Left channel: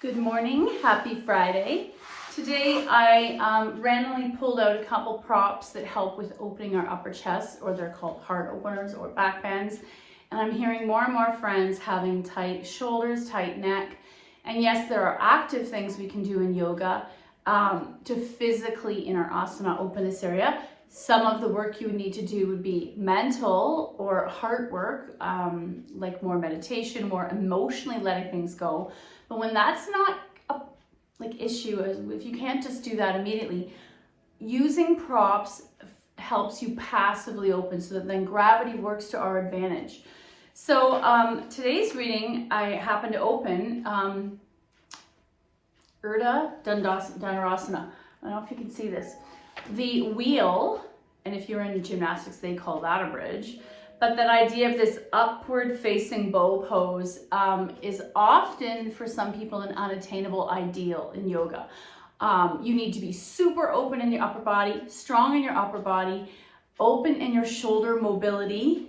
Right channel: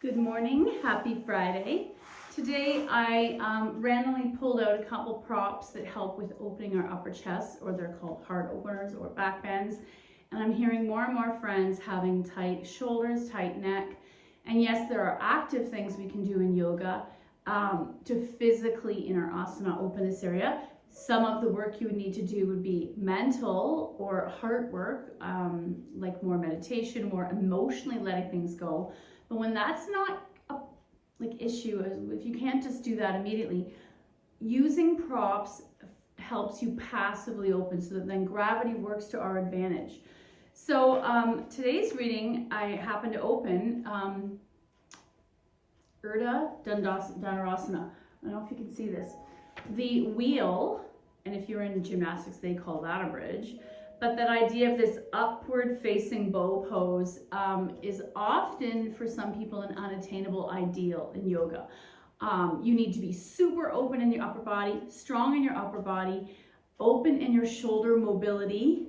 Good morning, happy Friday. Today I randomly pulled out a couple props that help with opening our upper chest, or they're called heart openers or back bends. And I'm hearing more and more friends having tight shoulders, tight neck. And yes, there are active things we can do in yoga to physically in our asana open this area. Some of the work you would need to do would be mental or heart work, like more meditation, more emotionally letting things go. But when that's not a issue, if you can't just do that immediately, using props helps you passively open so that then gravity works to our advantage. So today's reading, I happen to open Dandasana. I don't know if you can see this. The wheel, and if you're in gymnastics, they call that a bridge. But that idea of this upward facing bow pose is often for some people an unattainable ideal in yoga. You need to be super open in your upper body, strong in your upper body, open in your shoulder mobility,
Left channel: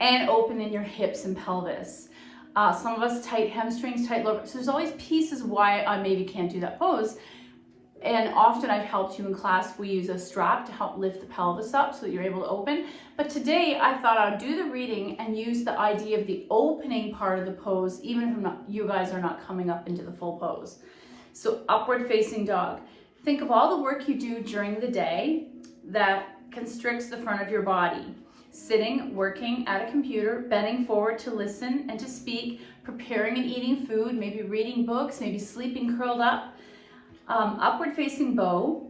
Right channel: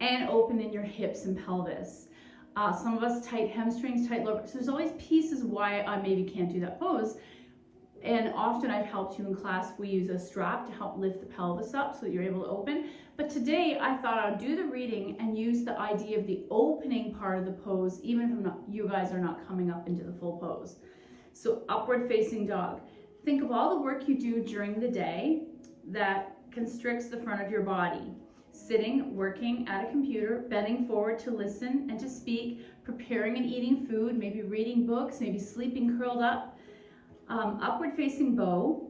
and open in your hips and pelvis. Some of us tight hamstrings, tight lower. So there's always pieces why I maybe can't do that pose. And often I've helped you in class, we use a strap to help lift the pelvis up so that you're able to open. But today I thought I'd do the reading and use the idea of the opening part of the pose, even if you guys are not coming up into the full pose. So upward facing dog. Think of all the work you do during the day that constricts the front of your body. Sitting, working at a computer, bending forward to listen and to speak, preparing and eating food, maybe reading books, maybe sleeping curled up. Upward facing bow,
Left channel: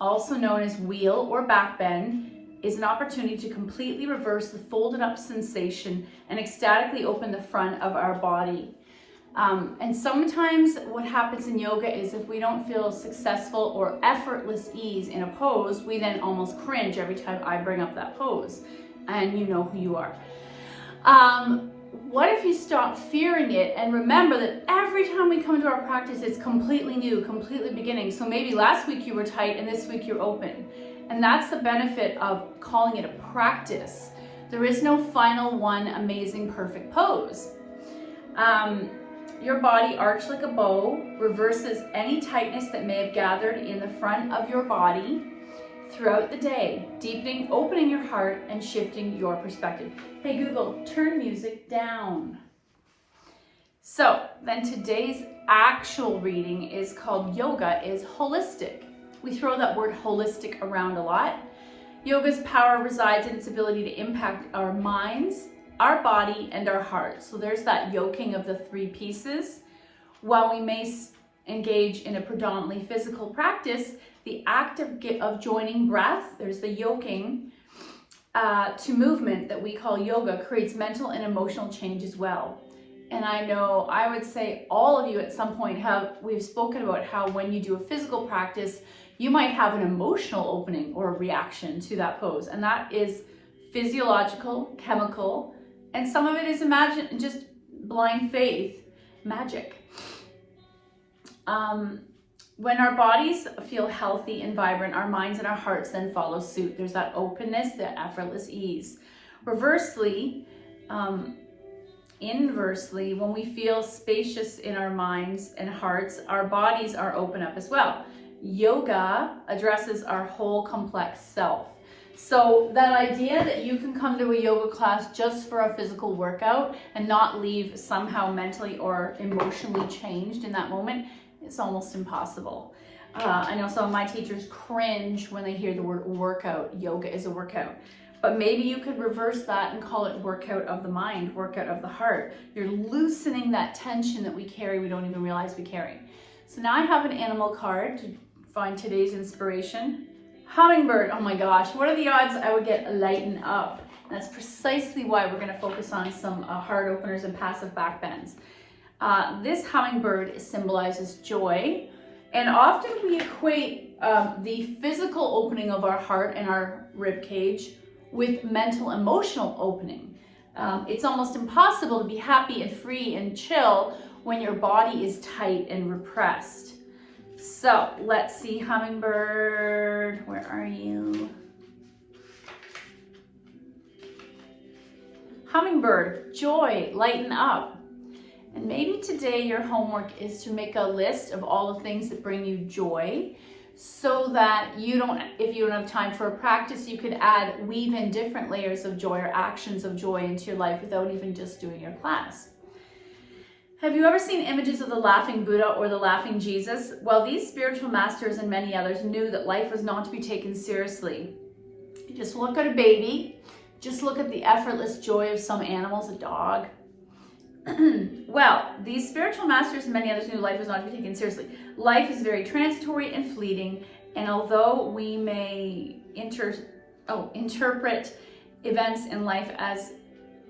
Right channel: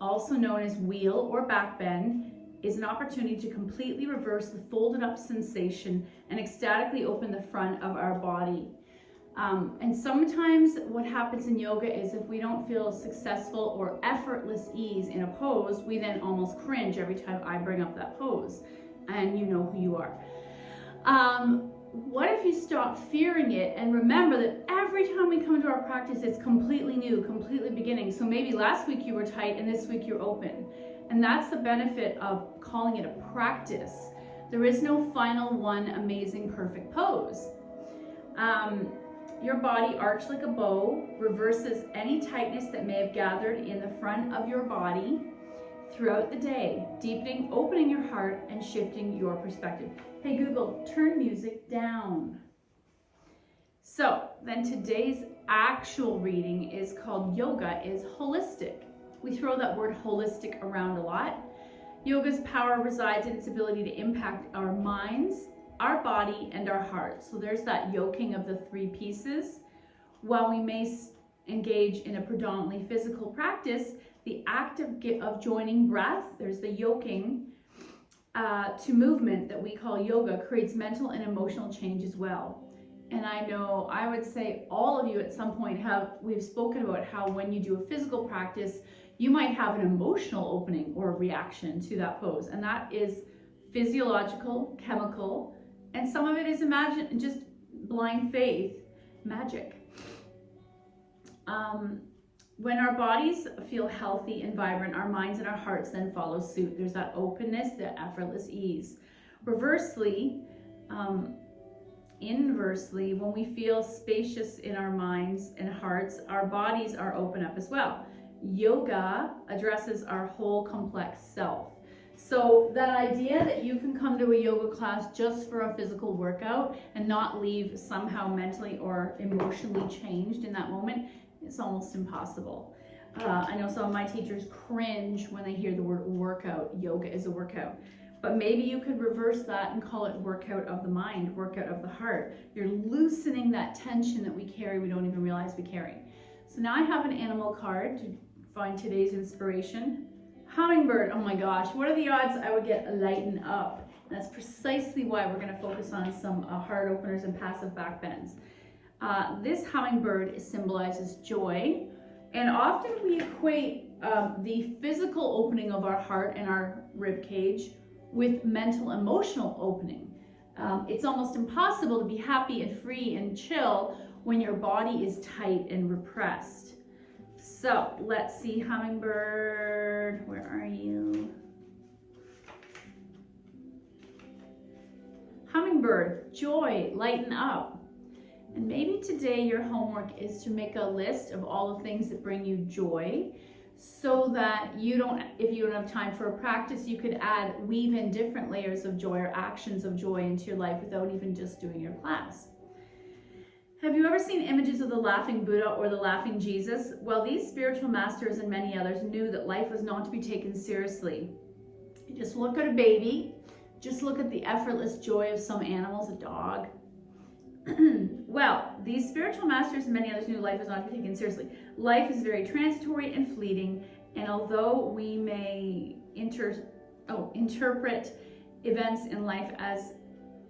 also known as wheel or back bend, is an opportunity to completely reverse the folded up sensation and ecstatically open the front of our body. And sometimes what happens in yoga is if we don't feel successful or effortless ease in a pose, we then almost cringe every time I bring up that pose, and you know who you are. What if you stop fearing it and remember that every time we come to our practice, it's completely new, completely beginning. So maybe last week you were tight and this week you're open. And that's the benefit of calling it a practice. There is no final one amazing, perfect pose. Your body arched like a bow reverses any tightness that may have gathered in the front of your body throughout the day, deepening, opening your heart, and shifting your perspective. Hey Google, turn music down. So then today's actual reading is called Yoga is Holistic. We throw that word holistic around a lot. Yoga's power resides in its ability to impact our minds, our body, and our heart. So there's that yoking of the three pieces. While we may engage in a predominantly physical practice, the act of joining breath, there's the yoking, to movement that we call yoga creates mental and emotional change as well. And I know, I would say all of you at some point we've spoken about how when you do a physical practice, you might have an emotional opening or a reaction to that pose. And that is physiological, chemical, and some of it is just blind faith, magic. When our bodies feel healthy and vibrant, our minds and our hearts then follow suit. There's that openness, that effortless ease. Inversely, when we feel spacious in our minds and hearts, our bodies are open up as well. Yoga addresses our whole complex self. So that idea that you can come to a yoga class just for a physical workout and not leave somehow mentally or emotionally changed in that moment, it's almost impossible. I know some of my teachers cringe when they hear the word workout. Yoga is a workout. But maybe you could reverse that and call it workout of the mind, workout of the heart. You're loosening that tension that we carry, we don't even realize we carry. So now I have an animal card to find today's inspiration. Hummingbird, oh my gosh, what are the odds I would get lighten up? That's precisely why we're gonna focus on some heart openers and passive back bends. This hummingbird symbolizes joy, and often we equate the physical opening of our heart and our rib cage with mental emotional opening. It's almost impossible to be happy and free and chill when your body is tight and repressed. So let's see, hummingbird, where are you? Hummingbird, joy, lighten up. And maybe today your homework is to make a list of all the things that bring you joy, so that you don't, if you don't have time for a practice, you could weave in different layers of joy or actions of joy into your life without even just doing your class. Have you ever seen images of the laughing Buddha or the laughing Jesus? Well, these spiritual masters and many others knew that life was not to be taken seriously. You just look at a baby, just look at the effortless joy of some animals, a dog. Well, these spiritual masters and many others knew life was not to be taken seriously. Life is very transitory and fleeting, and although we may interpret events in life as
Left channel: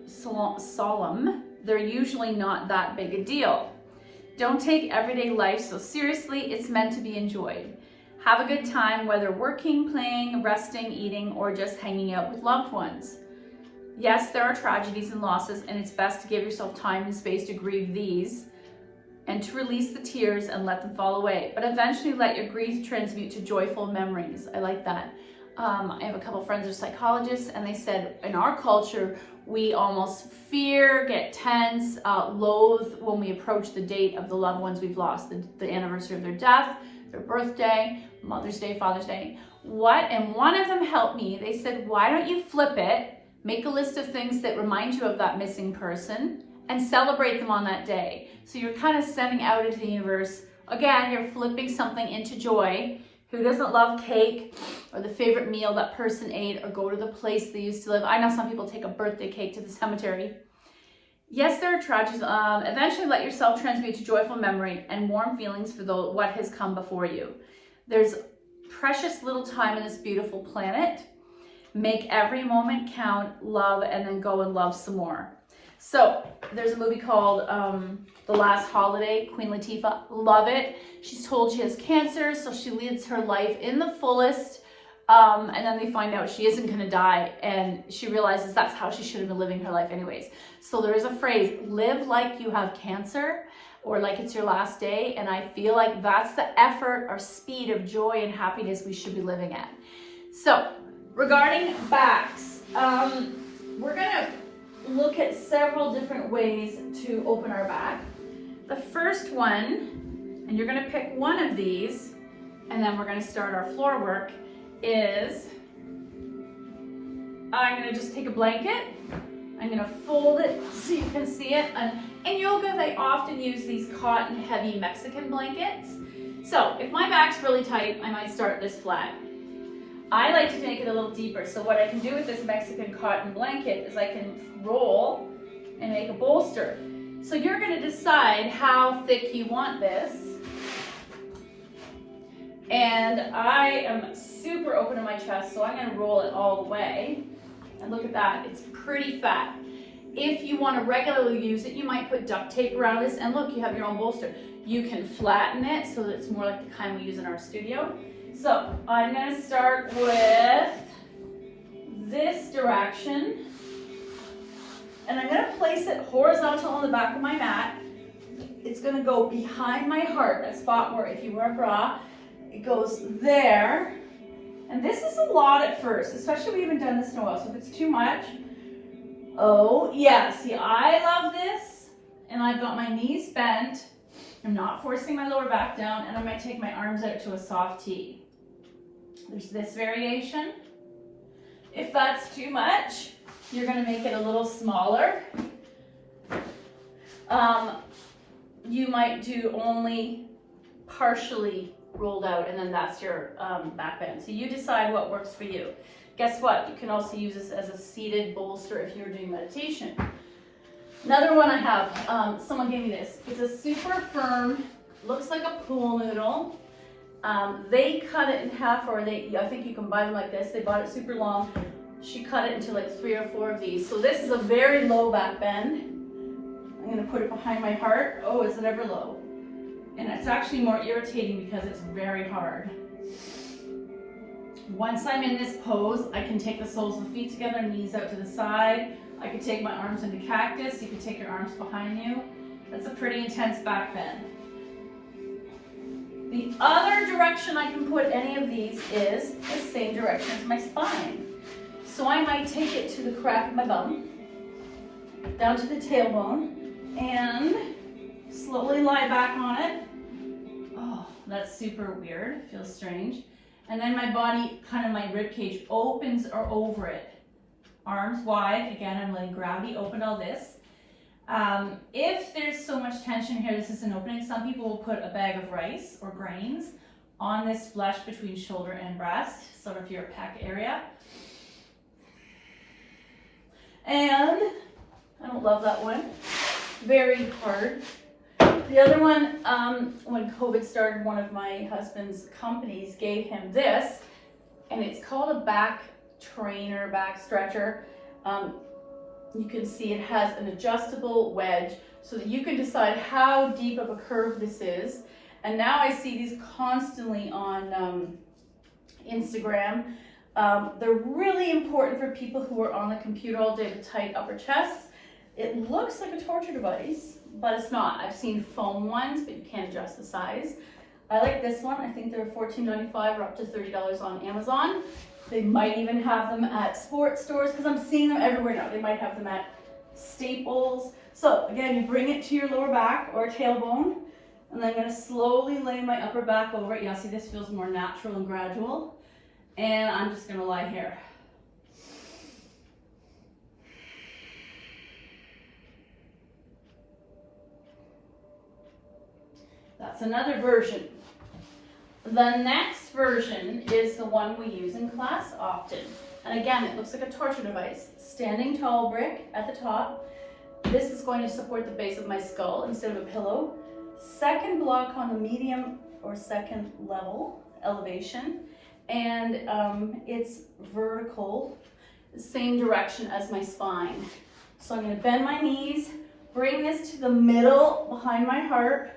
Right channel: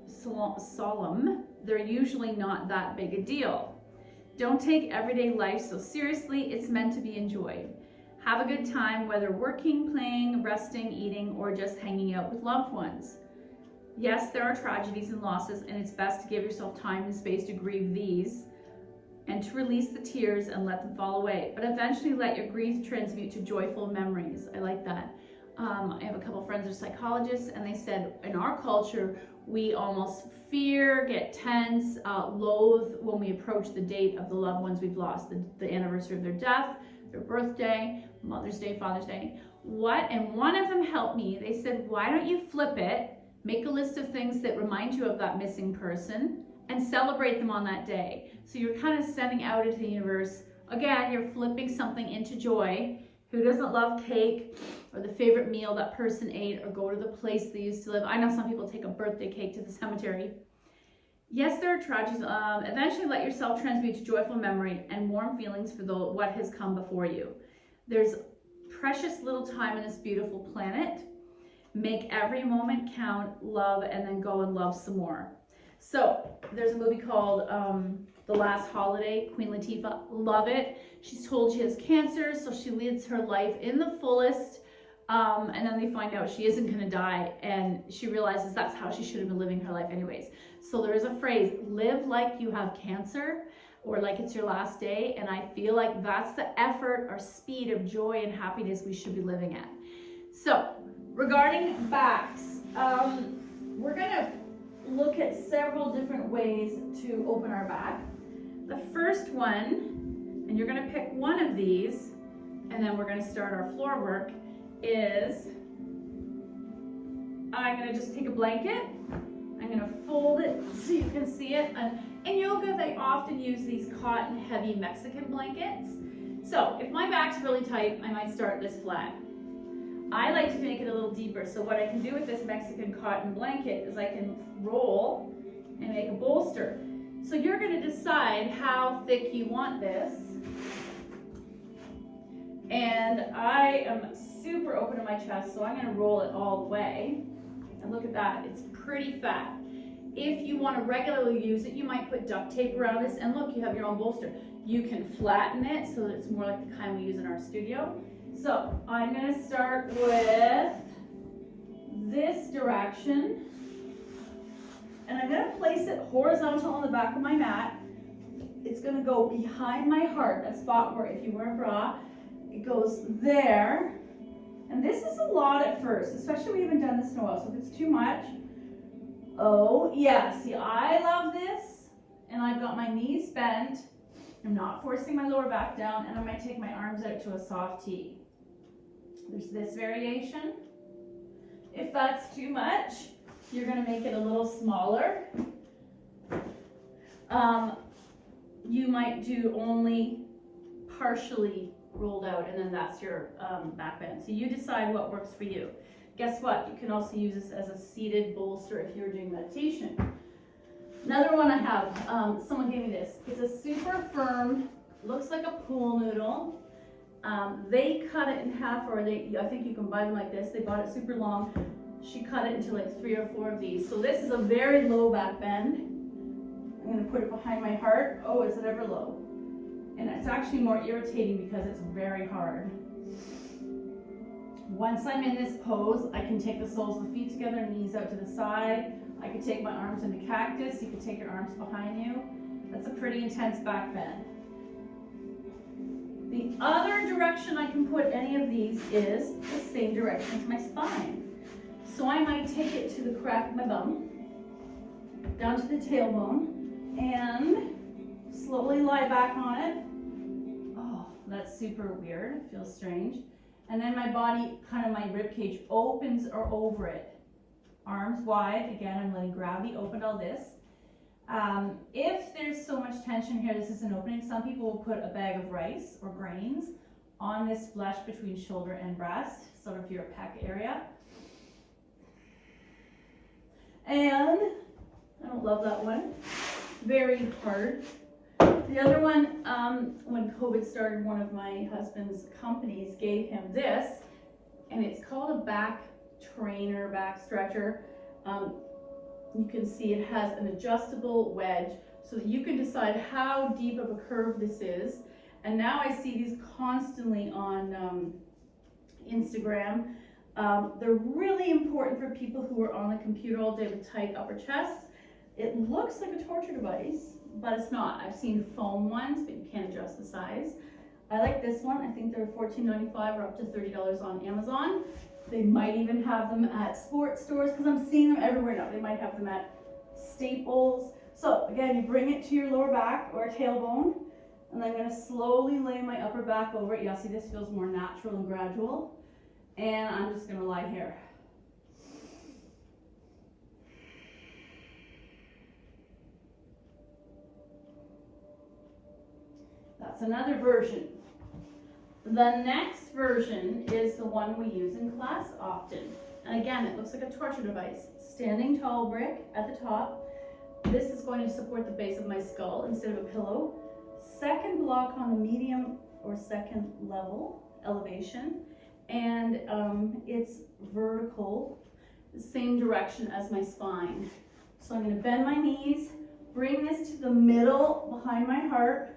solemn, they're usually not that big a deal. Don't take everyday life so seriously. It's meant to be enjoyed. Have a good time, whether working, playing, resting, eating, or just hanging out with loved ones. Yes, there are tragedies and losses, and it's best to give yourself time and space to grieve these and to release the tears and let them fall away. But eventually let your grief transmute to joyful memories. I like that. I have a couple friends who are psychologists, and they said in our culture, we almost fear, get tense, loathe when we approach the date of the loved ones we've lost, the anniversary of their death, their birthday, Mother's Day, Father's Day. And one of them helped me. They said, why don't you flip it? Make a list of things that remind you of that missing person and celebrate them on that day. So you're kind of sending out into the universe. Again, you're flipping something into joy. Who doesn't love cake or the favorite meal that person ate or go to the place they used to live? I know some people take a birthday cake to the cemetery. Yes, there are tragedies. Eventually let yourself transmute to joyful memory and warm feelings for what has come before you. There's precious little time on this beautiful planet. Make every moment count, love, and then go and love some more. So there's a movie called The Last Holiday, Queen Latifah, love it. She's told she has cancer, so she lives her life in the fullest, and then they find out she isn't going to die, and she realizes that's how she should have been living her life anyways. So there is a phrase, live like you have cancer, or like it's your last day, and I feel like that's the effort or speed of joy and happiness we should be living at. So regarding backs, we're going to look at several different ways to open our back. The first one, and you're going to pick one of these, and then we're going to start our floor work, is I'm going to just take a blanket. I'm going to fold it so you can see it. And in yoga, they often use these cotton heavy Mexican blankets. So if my back's really tight, I might start this flat. I like to make it a little deeper. So what I can do with this Mexican cotton blanket is I can roll and make a bolster. So you're going to decide how thick you want this. And I am super open in my chest, so I'm going to roll it all the way. And look at that, it's pretty fat. If you want to regularly use it, you might put duct tape around this, and look, you have your own bolster. You can flatten it so that it's more like the kind we use in our studio. So I'm going to start with this direction, and I'm going to place it horizontal on the back of my mat. It's going to go behind my heart, that spot where if you wear a bra, it goes there. And this is a lot at first, especially if we haven't done this in a while. So if it's too much, oh yeah, see, I love this. And I've got my knees bent. I'm not forcing my lower back down, and I'm going to take my arms out to a soft T. There's this variation. If that's too much, you're going to make it a little smaller. You might do only partially rolled out, and then that's your back bend. So you decide what works for you. Guess what? You can also use this as a seated bolster if you're doing meditation. Another one I have, someone gave me this. It's a super firm, looks like a pool noodle. They cut it in half, or I think you can buy them like this. They bought it super long. She cut it into like 3 or 4 of these. So this is a very low back bend. I'm going to put it behind my heart. Oh, is it ever low? And it's actually more irritating because it's very hard. Once I'm in this pose, I can take the soles of the feet together, knees out to the side. I could take my arms into cactus. You could take your arms behind you. That's a pretty intense back bend. The other direction I can put any of these is the same direction as my spine. So I might take it to the crack of my bum, down to the tailbone, and Slowly lie back on it. Oh, that's super weird. Feels strange. And then my body, kind of my rib cage opens or over it. Arms wide. Again, I'm letting gravity open all this. If there's so much tension here, this is an opening. Some people will put a bag of rice or grains on this flesh between shoulder and breast, sort of your pec area. And I don't love that one. Very hard. The other one, when COVID started, one of my husband's companies gave him this, and it's called a back trainer, back stretcher. You can see it has an adjustable wedge so that you can decide how deep of a curve this is. And now I see these constantly on Instagram. They're really important for people who are on the computer all day with tight upper chests. It looks like a torture device, but it's not. I've seen foam ones, but you can't adjust the size. I like this one. I think they're $14.95 or up to $30 on Amazon. They might even have them at sports stores because I'm seeing them everywhere now. They might have them at Staples. So again, you bring it to your lower back or tailbone, and then I'm going to slowly lay my upper back over it. Yeah, see, this feels more natural and gradual. And I'm just going to lie here. That's another version. The next version is the one we use in class often. And again, it looks like a torture device. Standing tall brick at the top. This is going to support the base of my skull instead of a pillow. Second block on the medium or second level elevation. And it's vertical, the same direction as my spine. So I'm going to bend my knees, bring this to the middle behind my heart,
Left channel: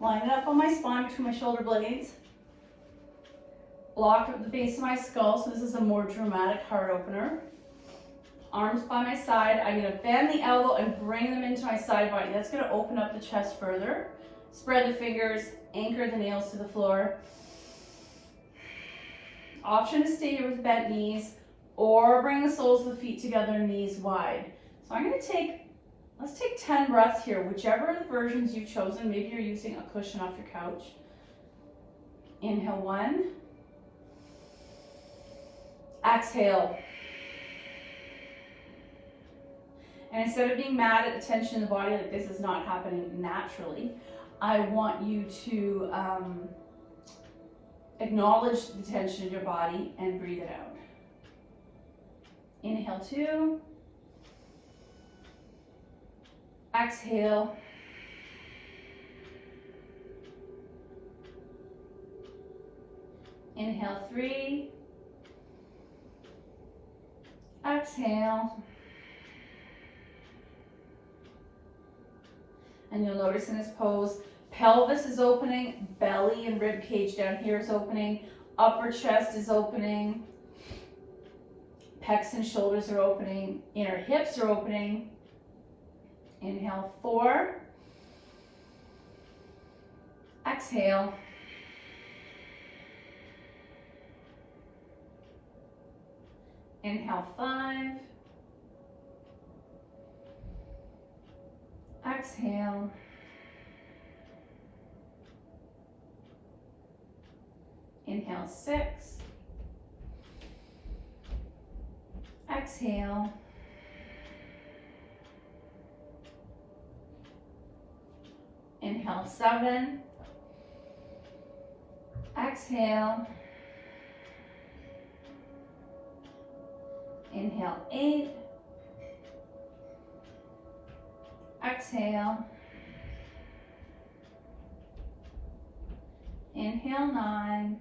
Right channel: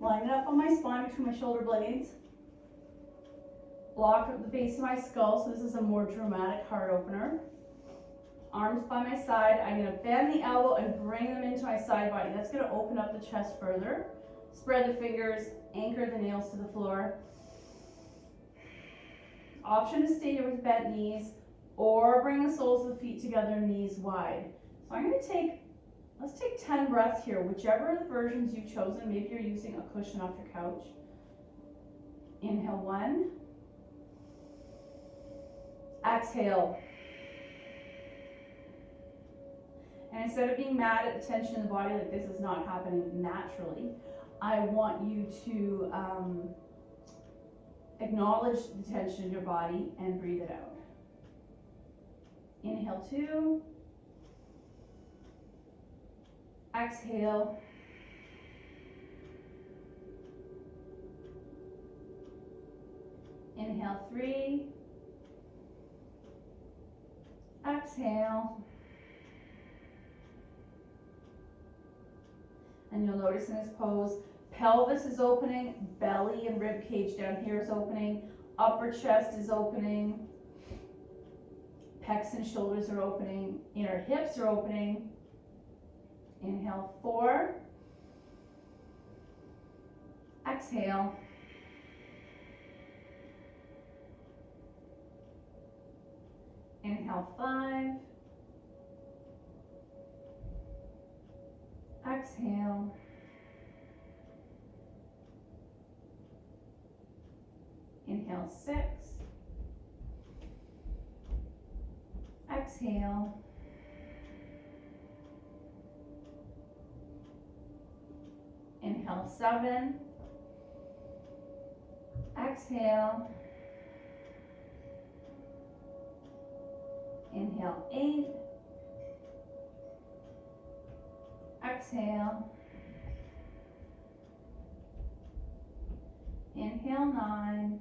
line it up on my spine between my shoulder blades. Block at the base of my skull, so this is a more dramatic heart opener. Arms by my side. I'm going to bend the elbow and bring them into my side body. That's going to open up the chest further. Spread the fingers, anchor the nails to the floor. Option to stay here with bent knees or bring the soles of the feet together, knees wide. So I'm going to let's take 10 breaths here, whichever of the versions you've chosen. Maybe you're using a cushion off your couch. Inhale 1. Exhale. And instead of being mad at the tension in the body, like this is not happening naturally, I want you to acknowledge the tension in your body and breathe it out. Inhale 2. Exhale. Inhale 3. Exhale. And you'll notice in this pose, pelvis is opening, belly and rib cage down here is opening, upper chest is opening, pecs and shoulders are opening, inner hips are opening. Inhale 4. Exhale. Inhale 5. Exhale. Inhale 6. Exhale. Inhale 7. Exhale. Inhale 8. Exhale. Inhale 9.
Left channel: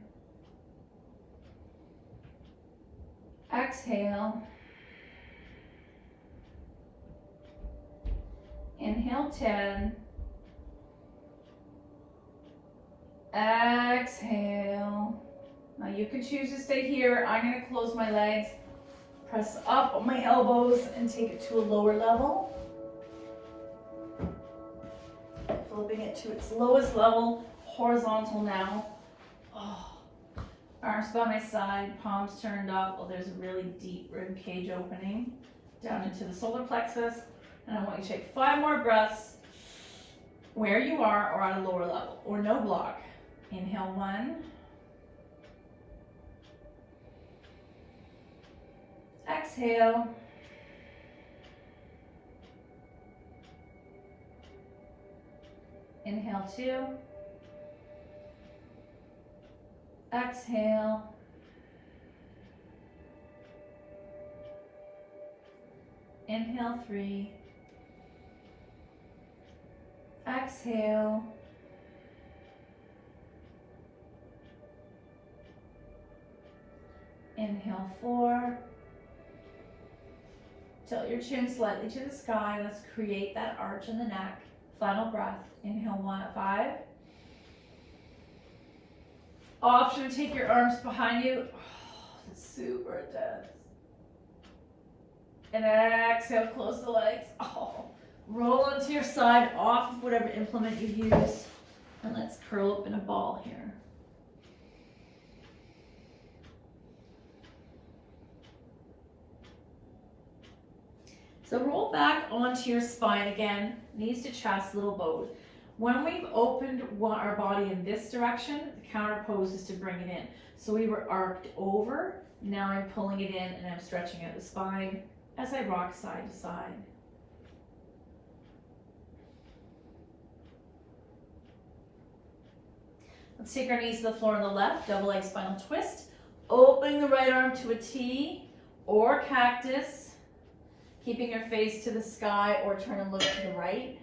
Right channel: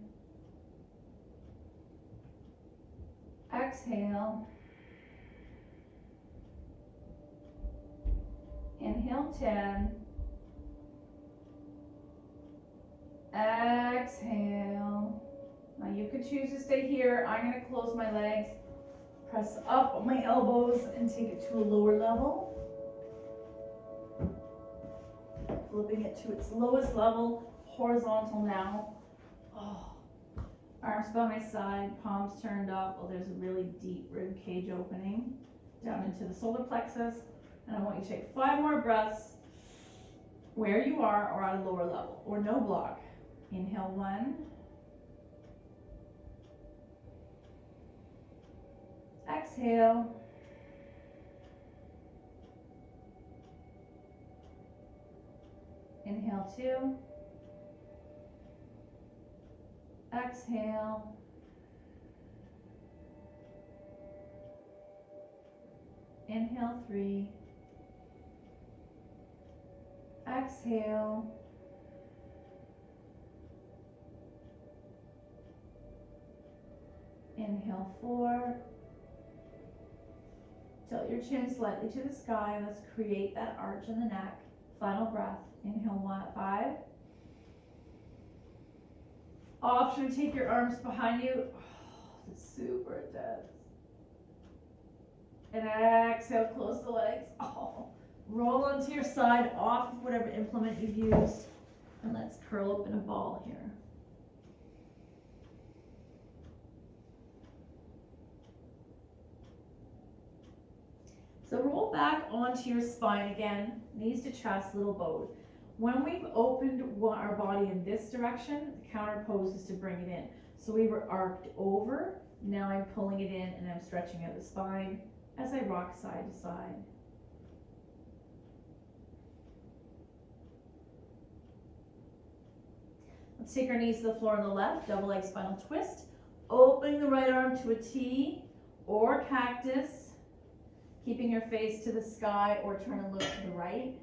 Exhale. Inhale 10. Exhale. Now you can choose to stay here. I'm going to close my legs, press up on my elbows, and take it to a lower level. Flipping it to its lowest level, horizontal now. Oh. Arms by my side, palms turned up. Oh, there's a really deep rib cage opening down into the solar plexus. And I want you to take 5 more breaths. where you are or at a lower level or no block. Inhale 1. Exhale. Inhale 2. Exhale. Inhale 3. Exhale. Inhale 4. Tilt your chin slightly to the sky. Let's create that arch in the neck. Final breath. Inhale 1 at 5. Option to take your arms behind you. Oh, that's super intense. And exhale, close the legs. Oh, roll onto your side off of whatever implement you use. And let's curl up in a ball here. So roll back onto your spine again, knees to chest, little boat. When we've opened our body in this direction, the counter pose is to bring it in. So we were arced over, now I'm pulling it in and I'm stretching out the spine as I rock side to side. Let's take our knees to the floor on the left, double leg spinal twist, opening the right arm to a T or cactus, keeping your face to the sky or turn and look to the right.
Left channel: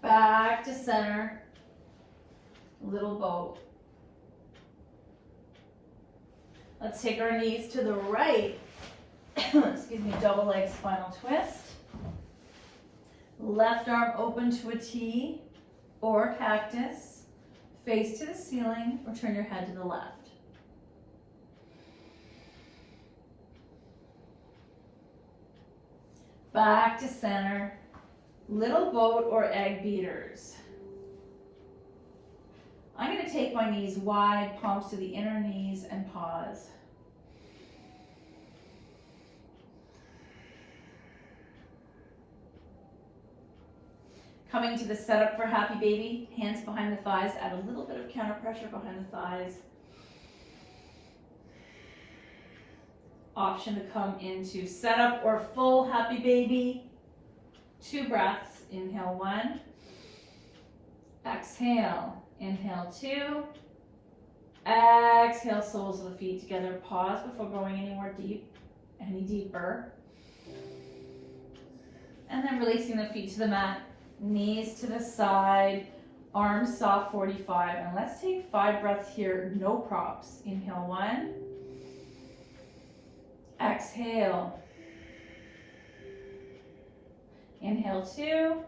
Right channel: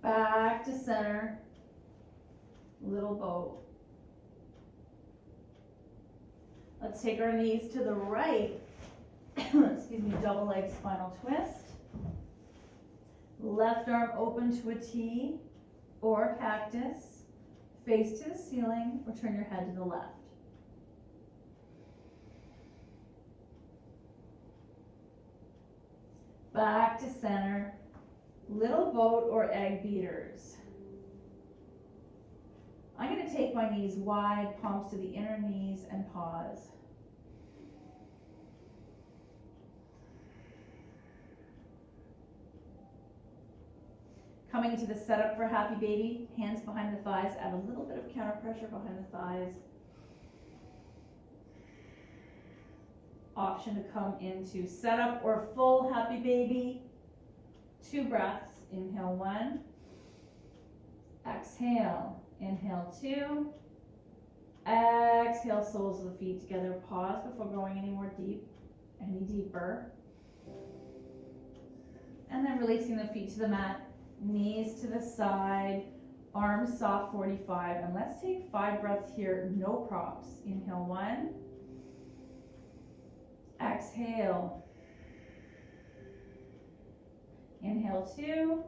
Back to center, little boat. Let's take our knees to the right, excuse me, double leg spinal twist. Left arm open to a T or cactus, face to the ceiling or turn your head to the left. Back to center, little boat or egg beaters. I'm going to take my knees wide, palms to the inner knees, and pause. Coming to the setup for happy baby, hands behind the thighs, add a little bit of counter pressure behind the thighs. Option to come into setup or full happy baby. 2 breaths, inhale 1, exhale, inhale 2, exhale, soles of the feet together, pause before going any deeper, and then releasing the feet to the mat, knees to the side, arms soft 45, and let's take 5 breaths here, no props. Inhale 1, exhale, inhale 2,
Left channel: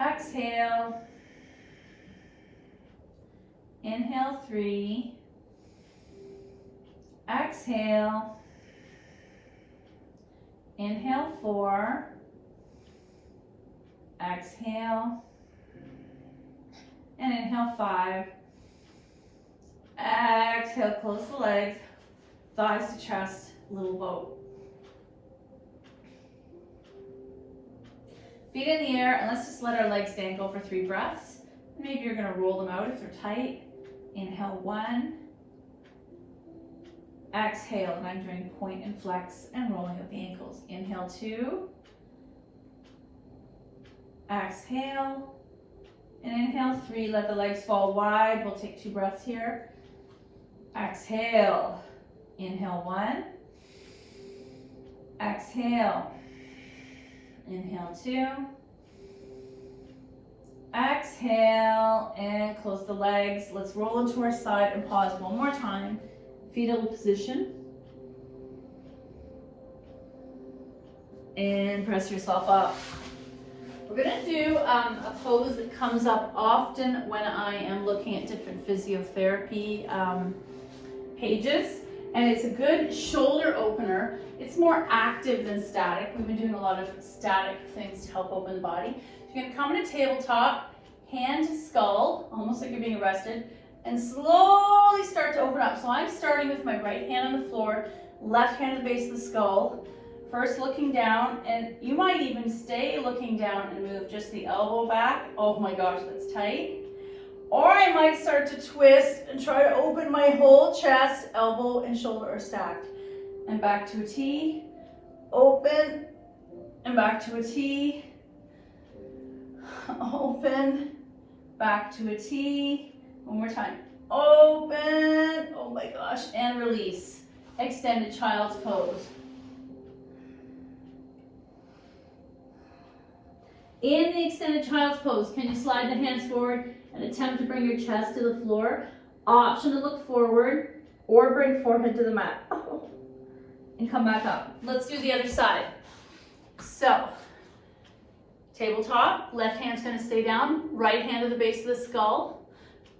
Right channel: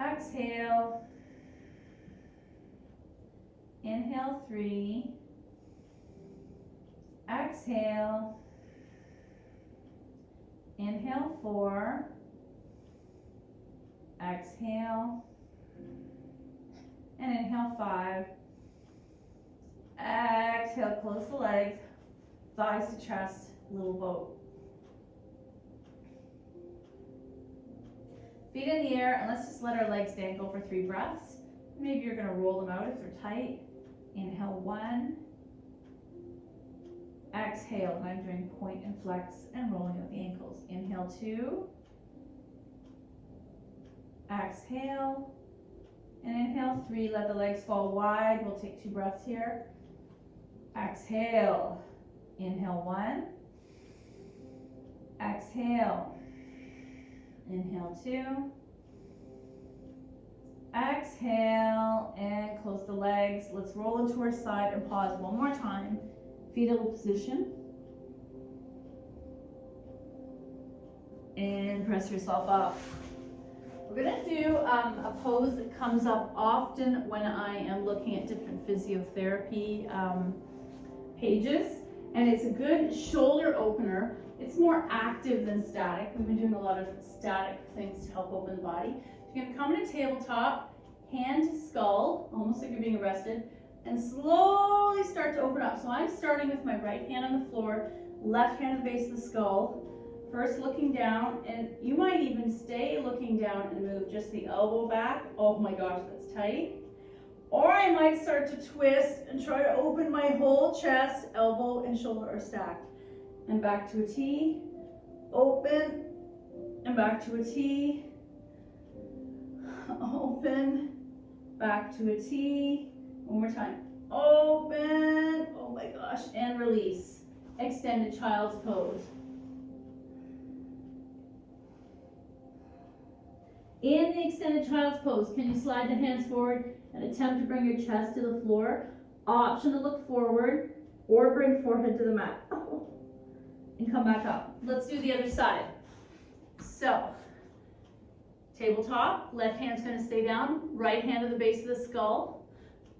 exhale, inhale 3, exhale, inhale 4, exhale, and inhale 5, exhale, close the legs, thighs to chest, little boat. Feet in the air, and let's just let our legs dangle for 3 breaths. Maybe you're gonna roll them out if they're tight. Inhale 1, exhale, and I'm doing point and flex and rolling of the ankles. Inhale 2, exhale, and inhale 3, let the legs fall wide. We'll take 2 breaths here. Exhale, inhale 1, exhale, inhale 2, exhale, and close the legs. Let's roll into our side and pause one more time. Fetal position. And press yourself up. We're gonna do a pose that comes up often when I am looking at different physiotherapy pages, and it's a good shoulder opener. It's more active than static. We've been doing a lot of static things to help open the body. So you're gonna come in a tabletop, hand to skull, almost like you're being arrested, and slowly start to open up. So I'm starting with my right hand on the floor, left hand at the base of the skull, first looking down, and you might even stay looking down and move just the elbow back. Oh my gosh, that's tight. Or I might start to twist and try to open my whole chest, elbow and shoulder are stacked. And back to a T, open, and back to a T, open, back to a T, one more time, open, oh my gosh, and release. Extended child's pose. In the extended child's pose, can you slide the hands forward and attempt to bring your chest to the floor? Option to look forward or bring forehead to the mat. And come back up. Let's do the other side. So, tabletop, left hand's gonna stay down, right hand at the base of the skull.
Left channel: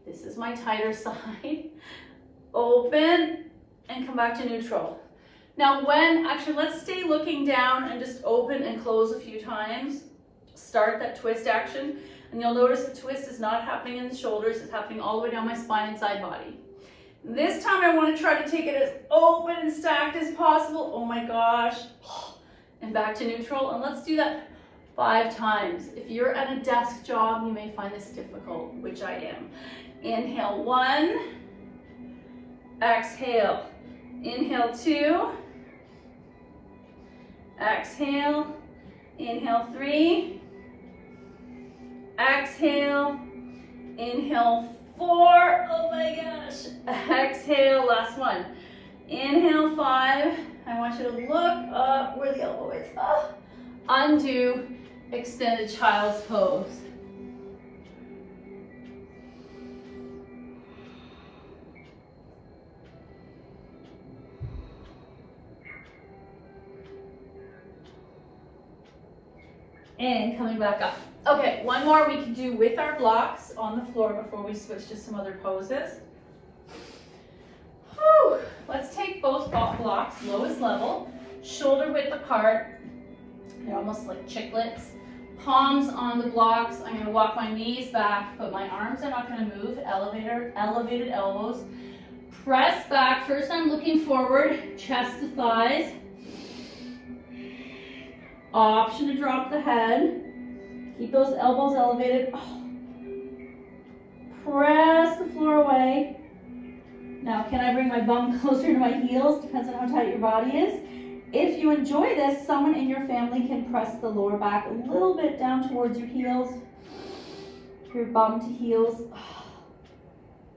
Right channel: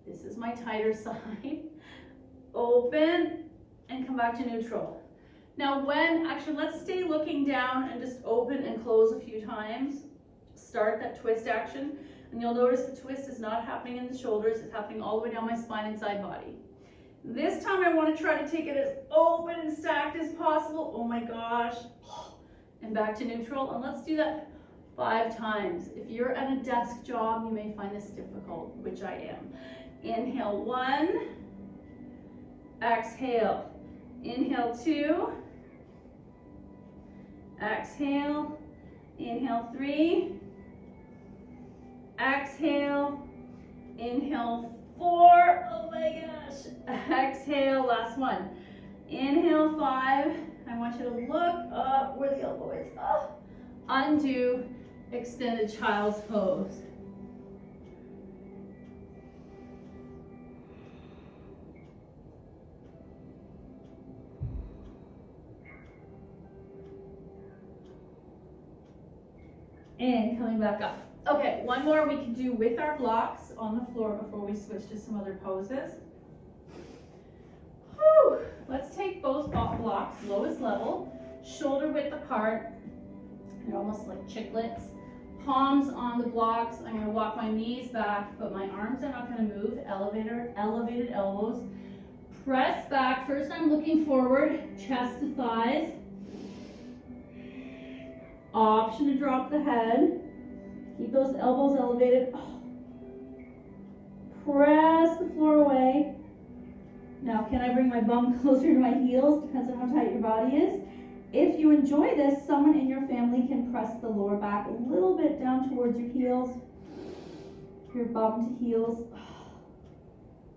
This is my tighter side. Open and come back to neutral. Now actually let's stay looking down and just open and close a few times. Start that twist action, and you'll notice the twist is not happening in the shoulders, it's happening all the way down my spine and side body. This time I want to try to take it as open and stacked as possible. Oh my gosh. And back to neutral, and let's do that 5 times. If you're at a desk job, you may find this difficult, which I am. Inhale 1, exhale. Inhale 2, exhale. Inhale 3, exhale, inhale 4, oh my gosh, exhale, last one. Inhale 5, I want you to look up where the elbow is. Undo, extended child's pose. And coming back up. Okay, one more we can do with our blocks on the floor before we switch to some other poses. Whew. Let's take both blocks, lowest level, shoulder width apart, and almost like chiclets. Palms on the blocks. I'm gonna walk my knees back, but my arms are not gonna move. Elevated elbows. Press back. First I'm looking forward, chest to thighs. Option to drop the head. Keep those elbows elevated. Press the floor away. Now, can I bring my bum closer to my heels? Depends on how tight your body is. If you enjoy this, someone in your family can press the lower back a little bit down towards your heels. Your bum to heels.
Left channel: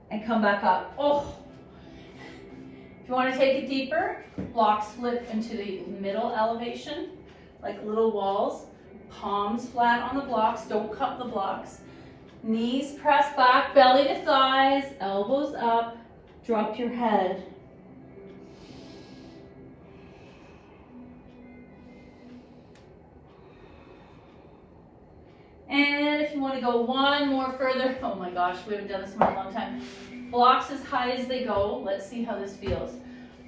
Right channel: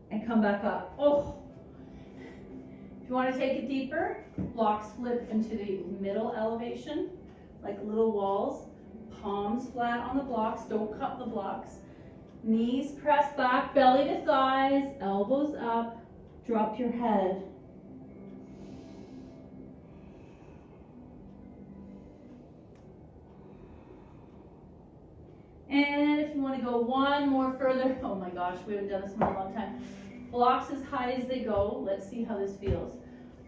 And come back up. If you want to take it deeper, blocks flip into the middle elevation, like little walls. Palms flat on the blocks, don't cup the blocks. Knees press back, belly to thighs, elbows up, drop your head. And if you want to go one more further, oh my gosh, we haven't done this in a long time. Blocks as high as they go. Let's see how this feels.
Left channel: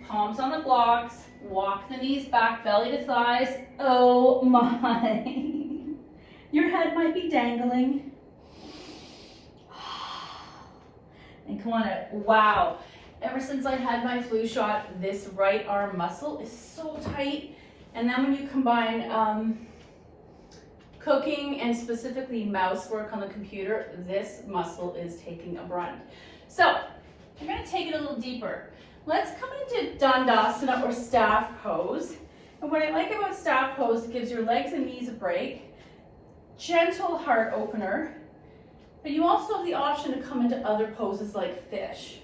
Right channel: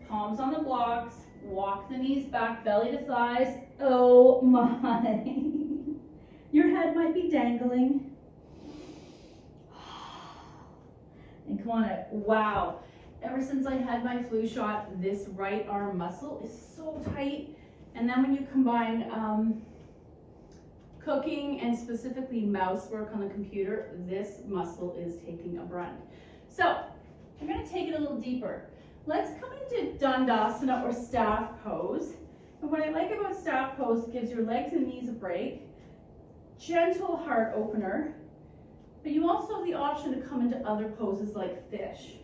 Palms on the blocks, walk the knees back, belly to thighs. Oh my. Your head might be dangling. And come on out. Wow. Ever since I had my flu shot, this right arm muscle is so tight. And then when you combine cooking and specifically mouse work on the computer, this muscle is taking a brunt. So I'm going to take it a little deeper. Let's come into Dandasana or staff pose. And what I like about staff pose, it gives your legs and knees a break. Gentle heart opener, but you also have the option to come into other poses like fish.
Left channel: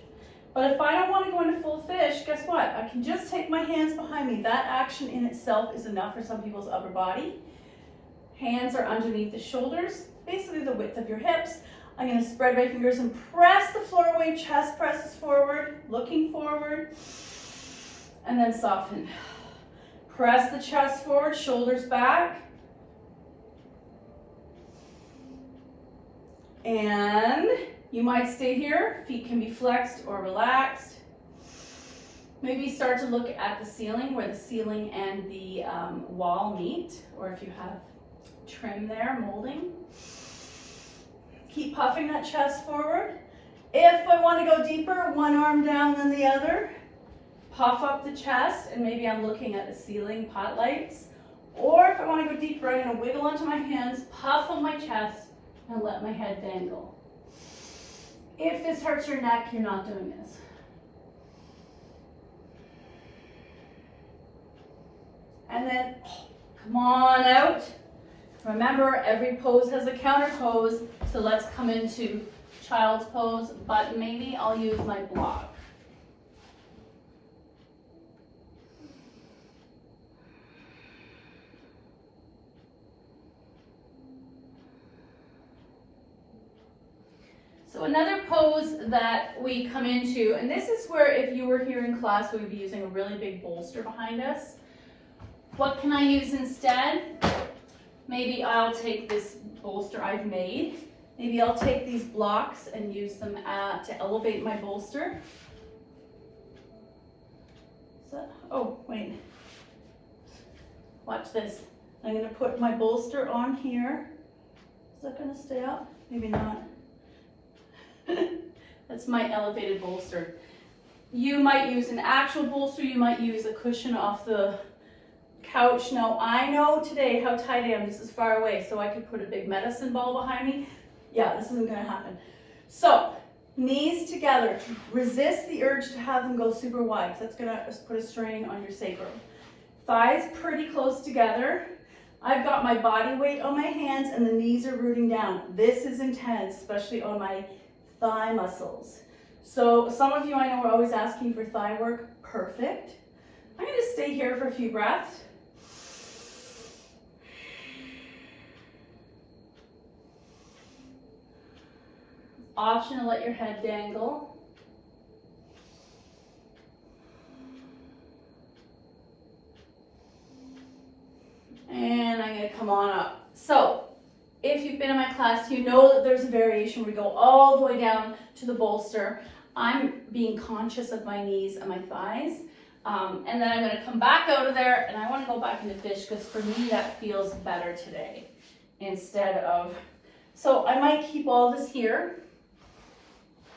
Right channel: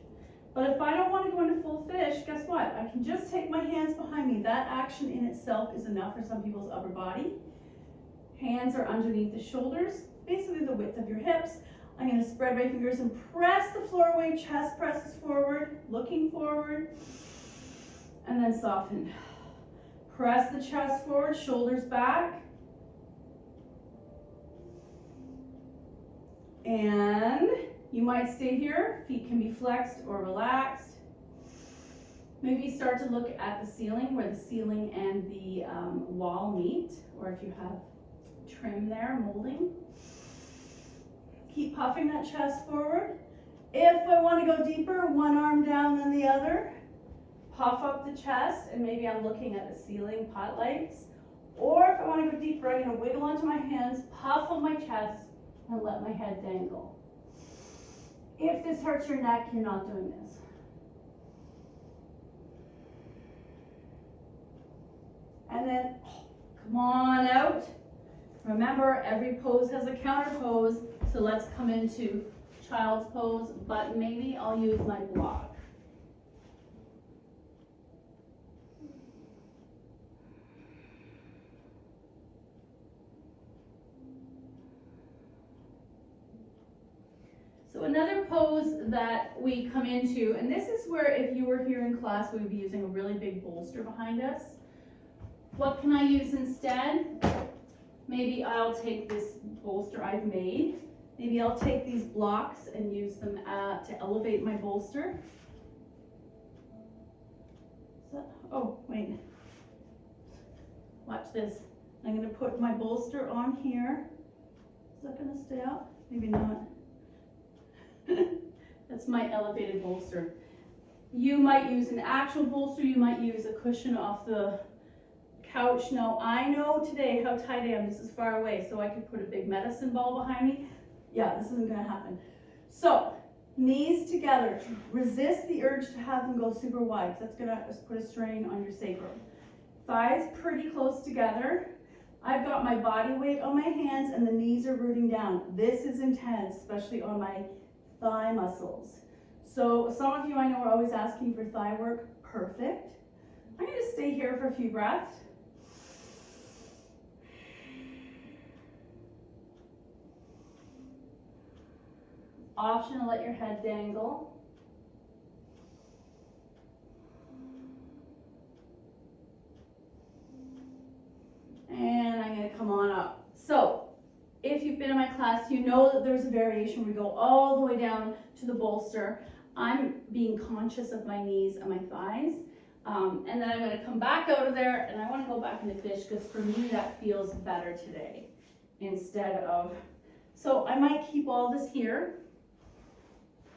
But if I don't want to go into full fish, guess what? I can just take my hands behind me. That action in itself is enough for some people's upper body. Hands are underneath the shoulders, basically the width of your hips. I'm going to spread my fingers and press the floor away, chest presses forward, looking forward, and then soften. Press the chest forward, shoulders back. And you might stay here, feet can be flexed or relaxed. Maybe start to look at the ceiling, where the ceiling and the wall meet, or if you have trim there, molding. Keep puffing that chest forward. If I want to go deeper, one arm down than the other. Puff up the chest, and maybe I'm looking at the ceiling pot lights. Or if I want to go deeper, I'm going to wiggle onto my hands, puff on my chest, and let my head dangle. If this hurts your neck, you're not doing this. And then come on out. Remember, every pose has a counter pose, so let's come into child's pose, but maybe I'll use my block. So another pose that we come into, and this is where if you were here in class, we would be using a really big bolster behind us. What can I use instead? Maybe I'll take this bolster I've made. Maybe I'll take these blocks and use them to elevate my bolster. So, oh, wait. Watch this. I'm going to put my bolster on here. Is that going to stay up? Maybe not. That's my elevated bolster. You might use an actual bolster. You might use a cushion off the couch. Now, I know today how tight I am. This is far away, so I could put a big medicine ball behind me. Yeah, this isn't going to happen. So, knees together. Resist the urge to have them go super wide. That's going to put a strain on your sacrum. Thighs pretty close together. I've got my body weight on my hands and the knees are rooting down. This is intense, especially on my thigh muscles. So some of you I know are always asking for thigh work. Perfect. I'm going to stay here for a few breaths. Option to let your head dangle. And I'm going to come on up. So if you've been in my class, you know that there's a variation where we go all the way down to the bolster. I'm being conscious of my knees and my thighs. And then I'm going to come back out of there, and I want to go back into fish because for me that feels better today instead of... So I might keep all this here.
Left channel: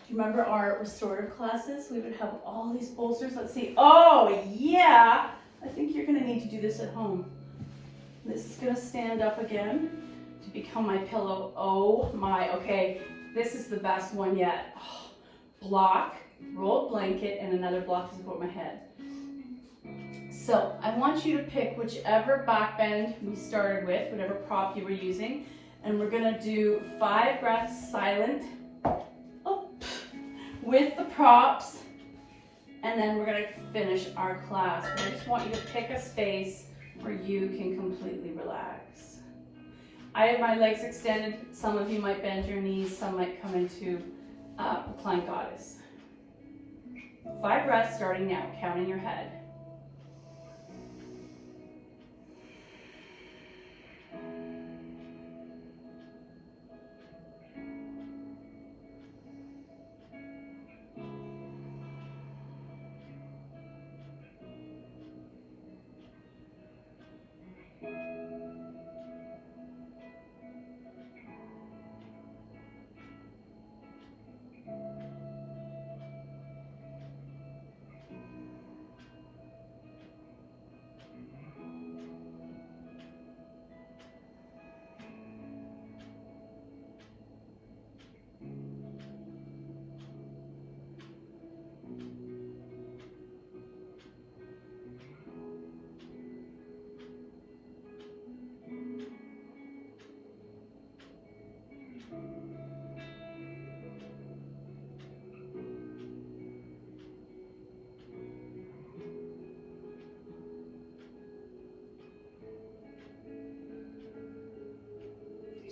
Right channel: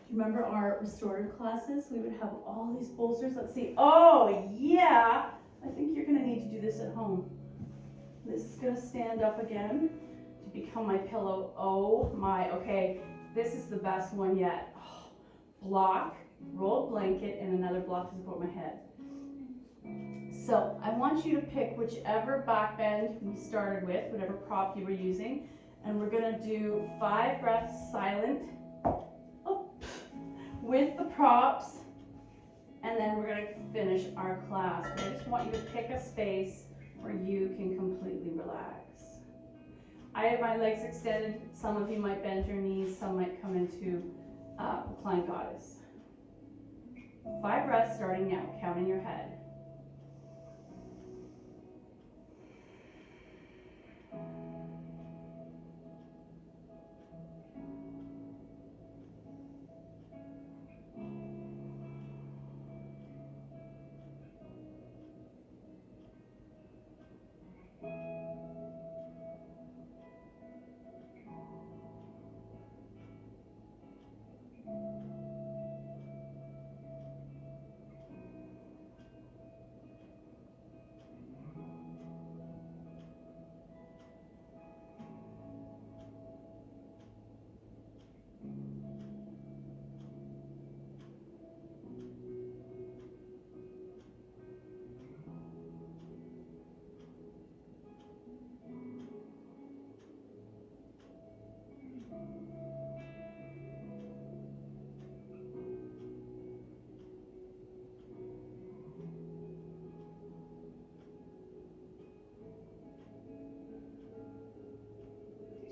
Do you remember our restorative classes? We would have all these bolsters. Let's see. Oh, yeah. I think you're going to need to do this at home. This is going to stand up again to become my pillow. Oh my, okay. This is the best one yet. Oh, block, rolled blanket, and another block to support my head. So I want you to pick whichever back bend we started with, whatever prop you were using, and we're going to do 5 breaths silent with the props, and then we're going to finish our class. But I just want you to pick a space where you can completely relax. I have my legs extended. Some of you might bend your knees, some might come into the plank goddess. 5 breaths starting now, counting your head.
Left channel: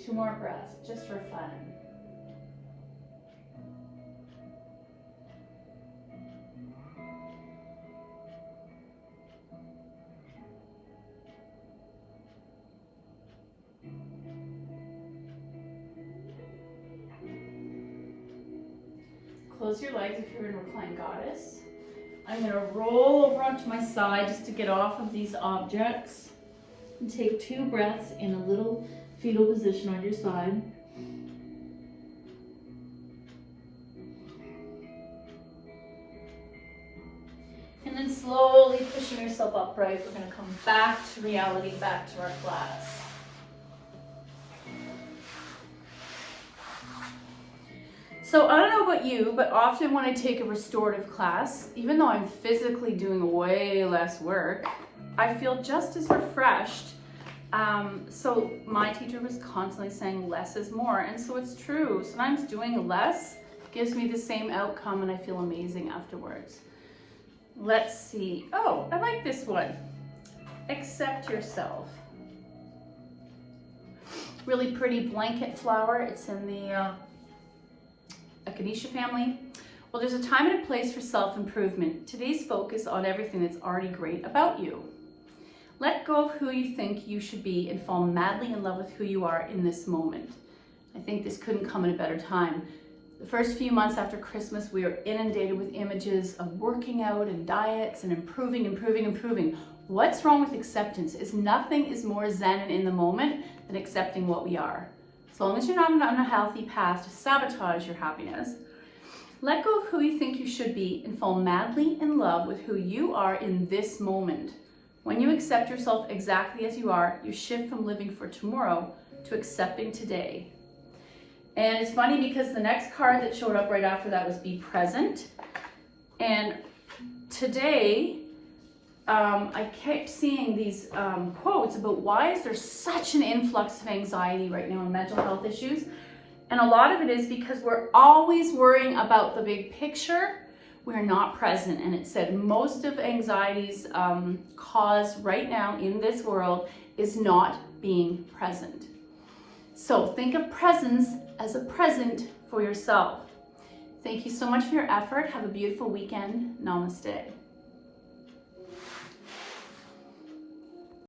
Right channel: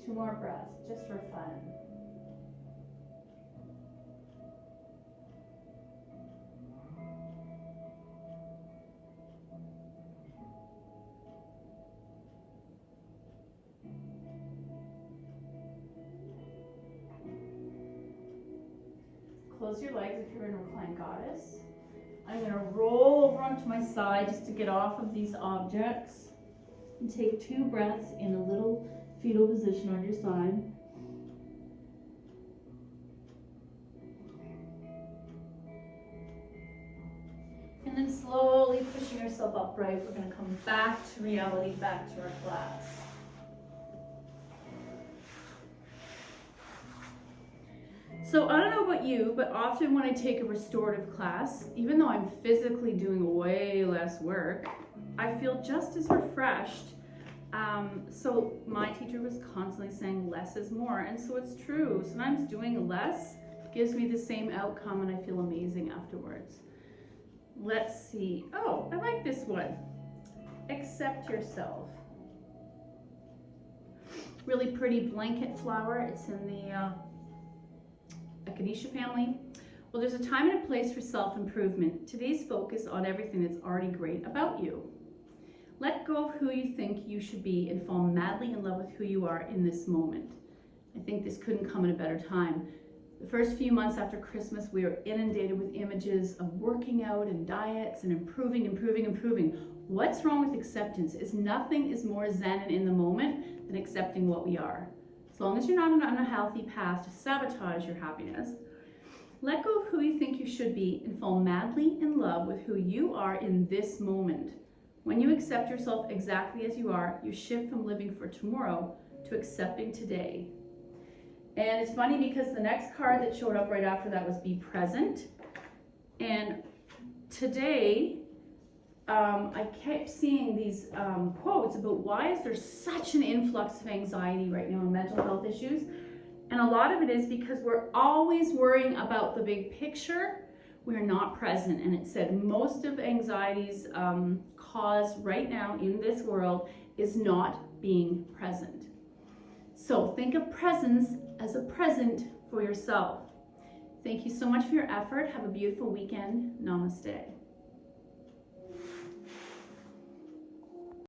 Two more breaths, just for fun. Close your legs if you're in reclined goddess. I'm going to roll over onto my side just to get off of these objects. And take 2 breaths in a little fetal position on your side. slowly pushing yourself upright. We're gonna come back to reality, back to our class. So I don't know about you, but often when I take a restorative class, even though I'm physically doing way less work, I feel just as refreshed. So my teacher was constantly saying less is more, and so it's true. Sometimes doing less gives me the same outcome and I feel amazing afterwards. Let's see. Oh, I like this one. Accept yourself. Really pretty blanket flower. It's in the Echinacea family. Well, there's a time and a place for self-improvement. Today's focus on everything that's already great about you. Let go of who you think you should be and fall madly in love with who you are in this moment. I think this couldn't come at a better time. The first few months after Christmas, we are inundated with images of working out and diets and improving. What's wrong with acceptance is nothing is more zen and in the moment than accepting what we are. As long as you're not on a healthy path to sabotage your happiness, let go of who you think you should be and fall madly in love with who you are in this moment. When you accept yourself exactly as you are, you shift from living for tomorrow to accepting today. And it's funny because the next card that showed up right after that was be present. And today, I kept seeing these quotes about why is there such an influx of anxiety right now and mental health issues. And a lot of it is because we're always worrying about the big picture. We're not present. And it said most of anxiety's cause right now in this world is not being present. So think of presence as a present for yourself. Thank you so much for your effort. Have a beautiful weekend. Namaste.